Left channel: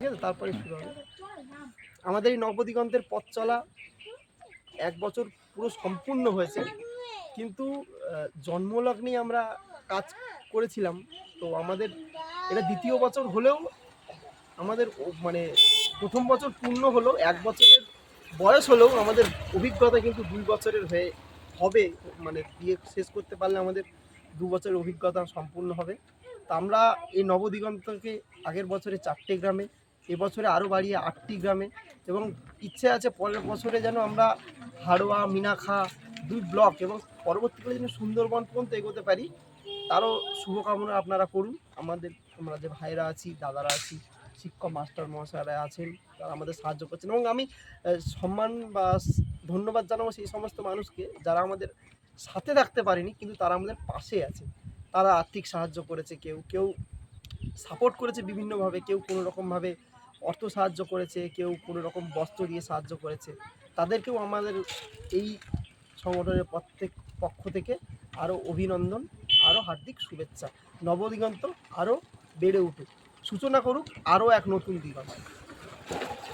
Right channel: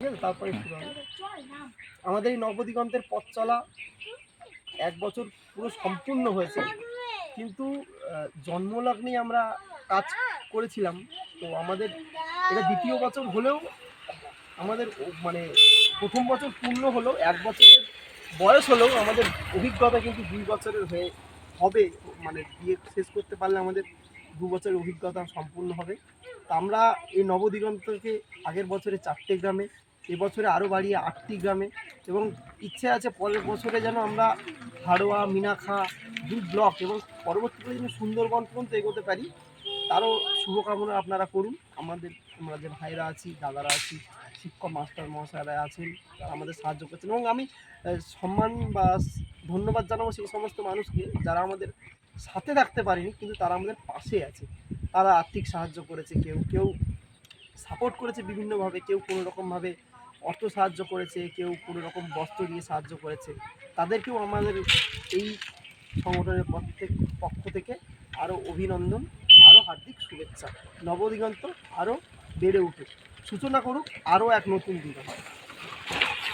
ঠিক আছে, তারপরে শুরু হবে আমাদের এই নবদিগন্তের পথ চলা। 1 বছর পুরো সম্পূর্ণ হয়েছে, কিন্তু জন্মলগ্নেই আমরা কাজ করেছিলাম। তো আমাদের এটা 2য় বছর হলেও আমাদের মানে 1ম বছর পূর্ণ হলো, 1 বছরের বয়স হলেও আমাদের অভিজ্ঞতা কিন্তু 2 বছরের হবে। মানে দিয়ে শেষ করতে পারলে আমাদের 2 বছরের অভিজ্ঞতা সম্পূর্ণ হবে। তা আমরা এই নবদিগন্তকে আগের বছরে 4টে গ্রামে, এবছরে আরও বাড়িয়ে 8টি গ্রামে, এবং ইচ্ছে আছে পরের বছরে যেন আমরা হাড়োয়া, মিনাখা 2 ব্লক এবং পরবর্তীকালে যেন সুন্দরবন পর্যন্ত এগোতে পারি, তারও শুভকামনা আপনারা করুন। আমরা যে ভাইরা আছি, দাদারা আছি, শিক্ষক মাস্টার মহাশয়রা আছেন, তারা আমাদের সাহায্য করছেন, এবং আমি সম্মান বা ধন্যবাদ জানাবো সেই সমস্ত মানুষকে যারা আমাদের সাথে থাকতে পারেনি, কিন্তু তারা আমাদের পাশে আছে। তারা আর্থিক সাহায্য করেছে, কেউ সাপোর্ট করেছে বিভিন্নভাবে, কেউ কোনো রকমভাবে অর্থ সাহায্য করেছে, কেউ কোনো রকম বস্ত্র দিয়ে সাহায্য করেছে। তাদেরকেও আমাদের এই সংগঠনের পক্ষ থেকে আরও অভিনন্দন, আরও হার্দিক শুভেচ্ছা। নবদিগন্ত আরও বেড়ে উঠুক, সূচনা করুক আরও এক নতুন দিগন্ত।